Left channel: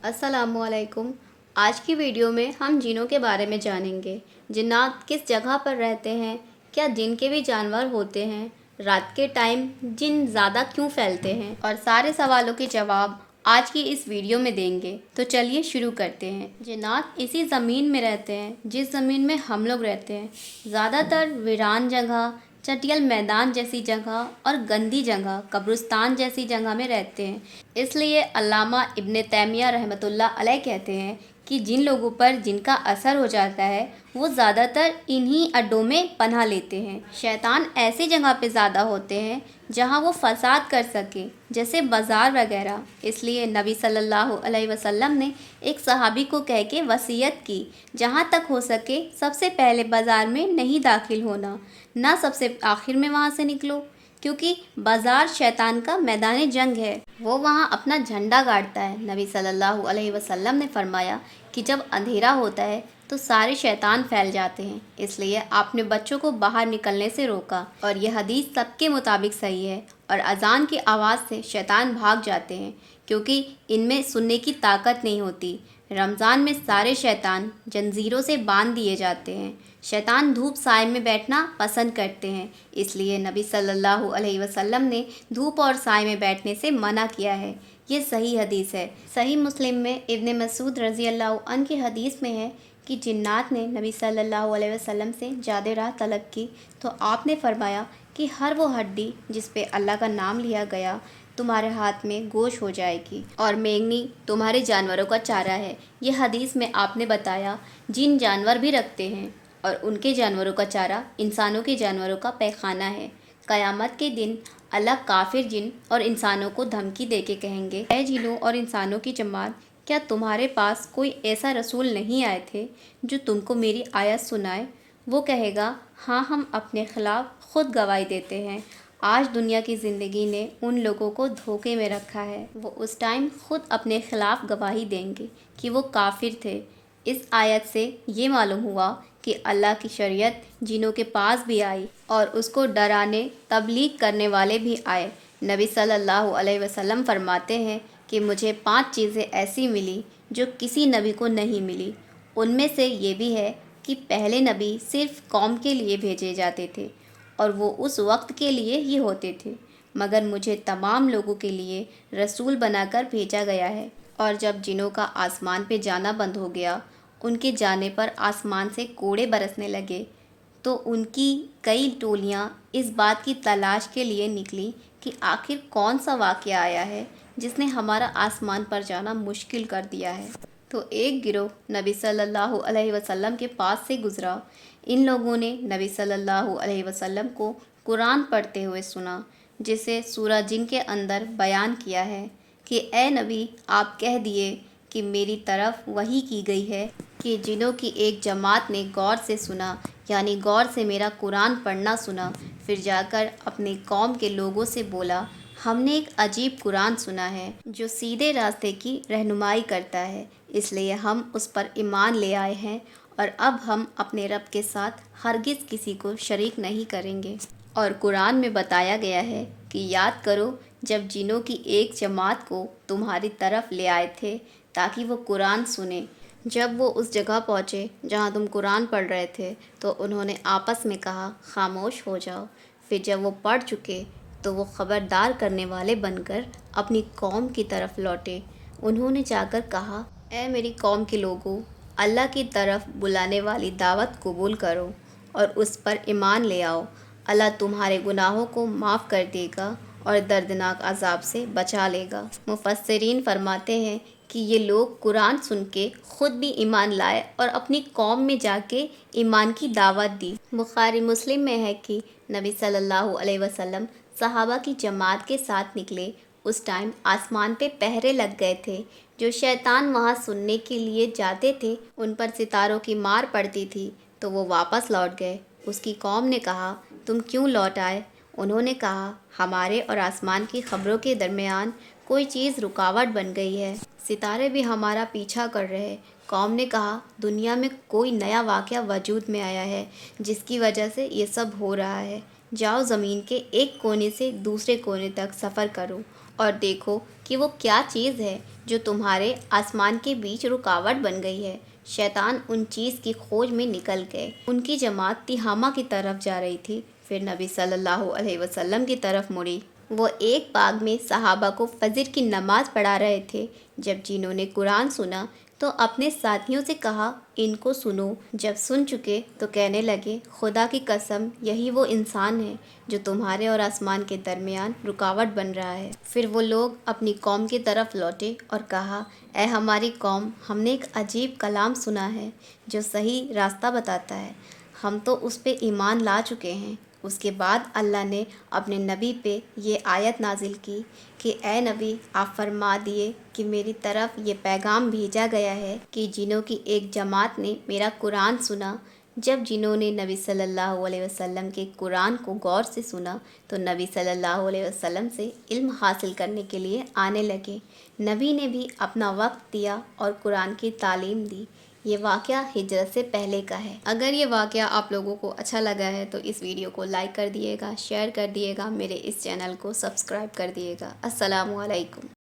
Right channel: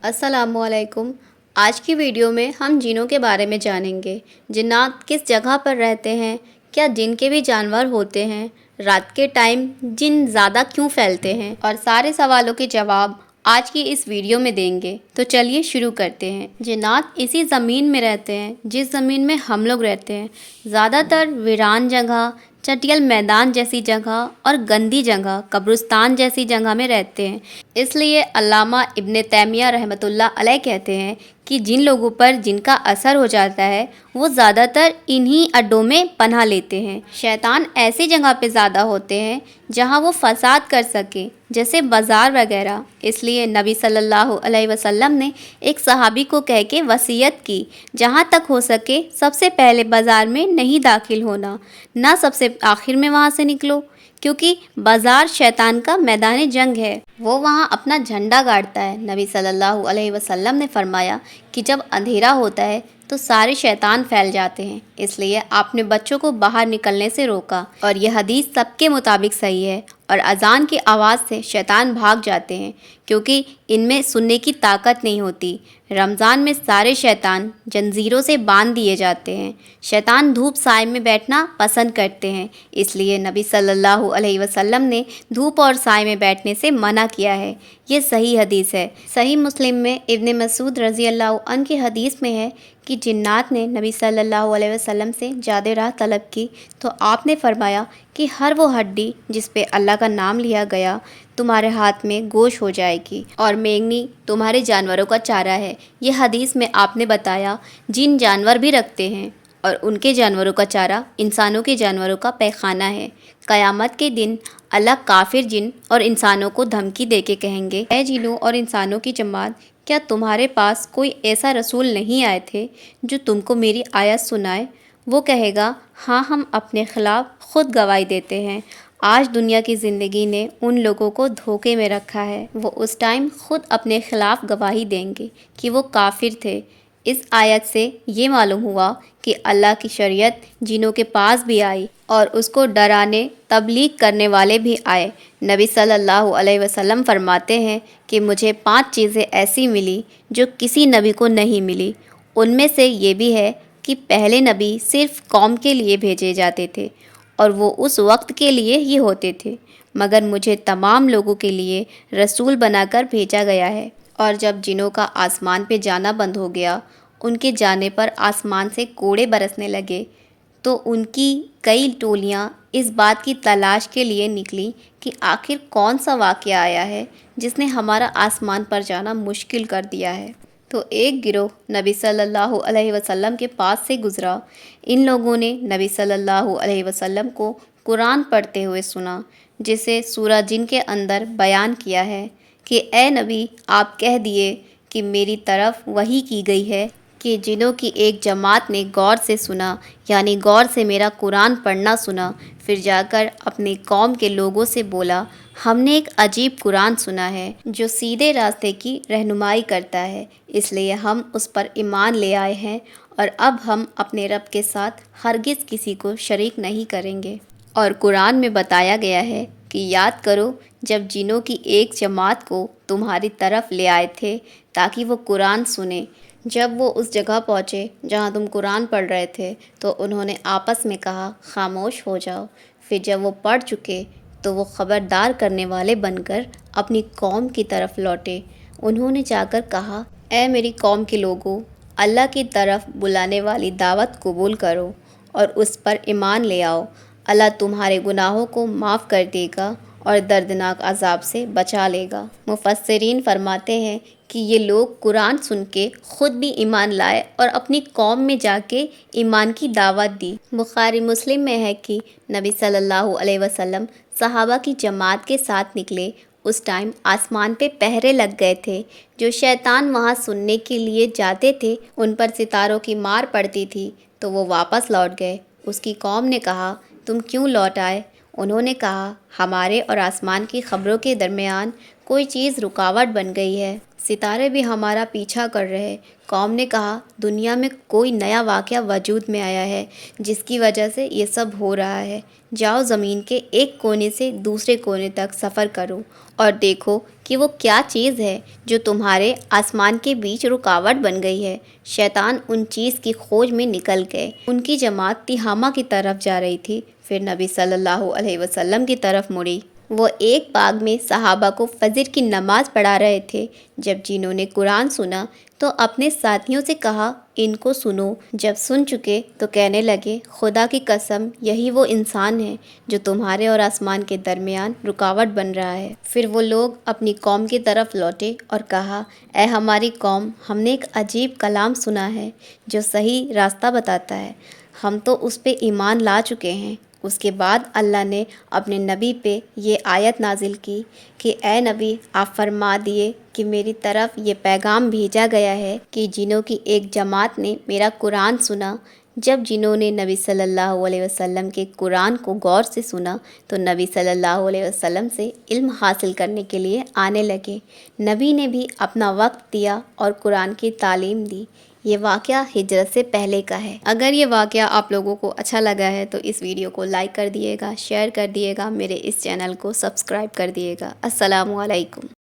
अस्सलाम वालेकुम। आज की वीडियो में हम जिनों के बारे में जानेंगे। जिन्नात किस जगह पर रहते हैं, क्या जिन के भी जानवर होते हैं, रात के टाइम जिन ज़्यादा क्यों फैलते हैं, और सारे सवालों के जवाब आज की इस वीडियो में देंगे। तो चलिए शुरू करते हैं। जिन्नात इसी ज़मीन में रहते हैं जिस ज़मीन में हम लोग रहते हैं। ज़्यादातर वीरान जगह, चटियल मैदान जैसी जगह और गंदी जगह, कब्रिस्तान जैसी जगह में रहते हैं। इसलिए अल्लामा इब्न तैमिया रहमतुल्लाह अलैह कहते हैं कि जिन लोगों पर जिनका असर हो जाता है वो ज़्यादातर इन्हीं अड्डों में पनाह लेते हैं। शैतान ऐसी जगह पे ज़्यादा होते हैं जहाँ वो फसाद कर सके, जैसे बाज़ार वगैरह। इसलिए नबी सल्लल्लाहु अलैहि वसल्लम ने एक सहाबी को कह के वसीयत की, जहाँ तक हो सके सबसे पहले बाज़ार में नहीं दाखिल होना, ना सबसे आखिर में वहाँ से निकलो, क्योंकि बाज़ार शैतान का मैदान जंग है। वो वहाँ अपना झंडा गाड़ता है। नबी सल्लल्लाहु अलैहि वसल्लम ने फरमाया कि जब अंधेरा होता है तो सारे शैतान फैल जाते हैं, इसलिए आपने बच्चों को बाहर निकलने से रोका। और यह हदीस सबके मुताबिक सही है। और अजान की आवाज़ से शैतान भाग जाते हैं, क्योंकि इनमें सुनने की ताकत नहीं होती। रमज़ान में सारे शैतान जंजीरों से बांध दिए जाते हैं। शैतान धूप साए में बैठना पसंद करते हैं, इसलिए नबी सल्लल्लाहु अलैहि वसल्लम ने धूप और साए में बैठने से मना किया है। ये सही हदीस है। सही मुस्लिम में इब्न मसूद रज़ी अल्लाह अन्हु की हदीस में है कि जिन्नात ने नबी सल्लल्लाहु अलैहि वसल्लम से जादे राह तलब की, तो आपने फरमाया कि हर वो हड्डी जिस पे अल्लाह का नाम लिया गया तुम्हारे हाथ में गोश हो जाएगी, और मेंगनी तुम्हारे जानवरों का चारा है। यह हदीस में आपने बताया जिन जानवर भी रखते हैं और उनके जानवरों का चारा इंसानों के जानवरों का पैखाना है। क़यामत के दिन अल्लाह काफिर जिन और इंसानों को धमकी दे के कहेंगे, ऐ जिनों और इंसानों की जमात, क्या तुम्हारे पास कोई ऐसा रसूल नहीं आए थे जो तुमको मेरी आयत सुनाए? वो कहेगा, हाँ, हम अपने ख़िलाफ़ ख़ुद गवाही देते हैं। आज दुनिया की ज़िंदगी ने उन लोगों को धोखे में रखा है। वो उस टाइम ख़ुद अपने ख़िलाफ़ गवाही देंगे कि वो काफिर थे। इस आयत से ये मालूम हुआ कि अल्लाह की शरीयत जिनों के पास भी आई और उसको डराने तबलीग करने वाले भी आए। नबी सल्लल्लाहु अलैहि वसल्लम फरमाते हैं कि मुझे 5 चीज़ें ऐसी मिली जो किसी नबी को नहीं मिली। उनमें से ये भी है कि पहले नबी सिर्फ़ कौम के लिए भेजे जाते थे और वो उस वक्त के लिए ही होते थे, मगर मुझे तमाम लोगों के लिए रसूल बनाकर भेजा गया है। और जब जिनों का आसमान पे जाना बंद हो गया, उनके जाने पर आसमान से कोड़े बरसने लगे, तो उनकी कई टोलियाँ इस बात की तलाश के लिए निकली कि आखिर कौन सा वाक़या आया है जिसने हमारा आसमान पर जाना मुश्किल कर दिया है। तो एक गिरोह नबी सल्लल्लाहु अलैहि वसल्लम के पास से गुज़रा। इन लोगों ने नबी सल्लल्लाहु अलैहि वसल्लम को कुरान पढ़ते हुए सुना, जिसे सूरह जिन के अंदर बयान किया है कि ए नबी, आप कह दिए कि मेरी तरफ वही की गई है कि जिनों की एक जमात ने गौर से सुना, यानी गौर से मेरा कुरान पढ़ना सुना, फिर जाकर अपनी कौम के लोगों से बोला, हमने एक अजीब कुरान सुना है जो सीधे रास्ते की रहनुमाई करता है, इसलिए हम उस पर ईमान ले आए हैं और अब हम अपने रब के साथ हरगिज़ किसी को शरीक नहीं करेंगे। और कुरान में बताया गया है कि याद करो जब जिनों की एक जमात को तुम्हारी तरफ ले आए थे ताकि वो कुरान सुने। जब वो उस जगह पहुँचे जहाँ तुम कुरान पढ़ रहे थे तो उन्होंने आपस में कहा, खामोश हो जाओ। फिर जब वो पढ़ चुके तो वो ख़बरदार करने वाले बनकर अपनी कौम की तरफ लौटे। उन्होंने जाकर कहा, ऐ मेरी कौम के लोगों, अल्लाह की तरफ बुलाने वाली दावत कबूल करो और उस पर ईमान ले आओ। अल्लाह तुम्हारे गुनाहों को माफ़ कर देगा और दर्दनाक अजाब से बचा लेगा। मुफस्सिरीन फरमाते हैं कि ये लोग कुरान सुन के ख़ुद भी ईमान लाए और अपनी कौम में जाके ईमान की दावत दी। बुखारी मुस्लिम में है कि नबी सल्लल्लाहु अलैहि वसल्लम सहाबा की जमात के साथ निकले। उस टाइम आसमान पे पहरे लग गए थे। जो शैतान वहाँ सुनने के लिए जाते थे उन पर सितारों की मार पड़ती थी, तो वो वापस लौट गए। उसकी कौम ने कहा, तुम क्यों लौट आए? उन्होंने कहा, हमारे और आसमान की खबरों के दरमियान कोई चीज़ रुकावट बन गई है, सितारे भी हमारा पीछा कर रहे। कौम ने कहा, दुनिया में कोई नया वाक़या वजूद में आया है जिसकी वजह से ये सब हो रहा है। جاؤ زمین کے ایک کونے سے دوسرے کونے تک سفر کرو اور دیکھو کہ وہ کیا چیز ہے جو تمہارے آسمان کے بیچ رکاوٹ بن گئی ہے۔ شیطان ان چیز کی کھوج میں نکل گئے۔ ان کی جماعت تہامہ کی طرف جا رہی تھی، پھر نبی صلی اللہ علیہ وسلم کی طرف مڑی۔ وہ ایک باغ میں صحابہ کو فجر کی نماز پڑھا رہے تھے۔ جب جنہوں نے قرآن سنا تو اپنے ساتھیوں سے کہا، ان کو سنو۔ جب سن چکے تو کہنے لگے، خدا کی قسم یہی وہ انسان ہے جو تمہارے اور آسمان کے درمیان رکاوٹ بن رہا ہے۔ پھر وہ لوگ اپنی قوم کی طرف لوٹے اور کہا، اے ہماری قوم، ہم نے ایک عجیب کلام سنا ہے جو صحیح راستہ بتاتا ہے، ہم تو اس پہ ایمان لا چکے ہیں۔ اس کے بعد اللہ نے اپنے نبی پہ یہ آیت نازل کی کہ اے نبی، آپ فرما دیے کہ میری طرف یہ پیغام بھیجا گیا ہے کہ جنوں کی ایک جماعت نے میرا قرآن سنا۔ جب جنہوں نے نبی صلی اللہ علیہ وسلم کے قرآن کو غور سے سنا تو نبی صلی اللہ علیہ وسلم سے علم حاصل کرنے کے لیے آنے لگے۔ نبی نے بھی اپنا وقت دیا اور قرآن کی تعلیم دی۔ یہ واقعہ ہجرت سے پہلے کا ہے۔ اگر یہ واقعہ آپ لوگوں کو اچھا لگا ہے تو اس ویڈیو کو لائک کر دیے گا، شیئر کر دیے گا، میرے اس چینل کو سبسکرائب کر دیے گا۔ السلام علیکم۔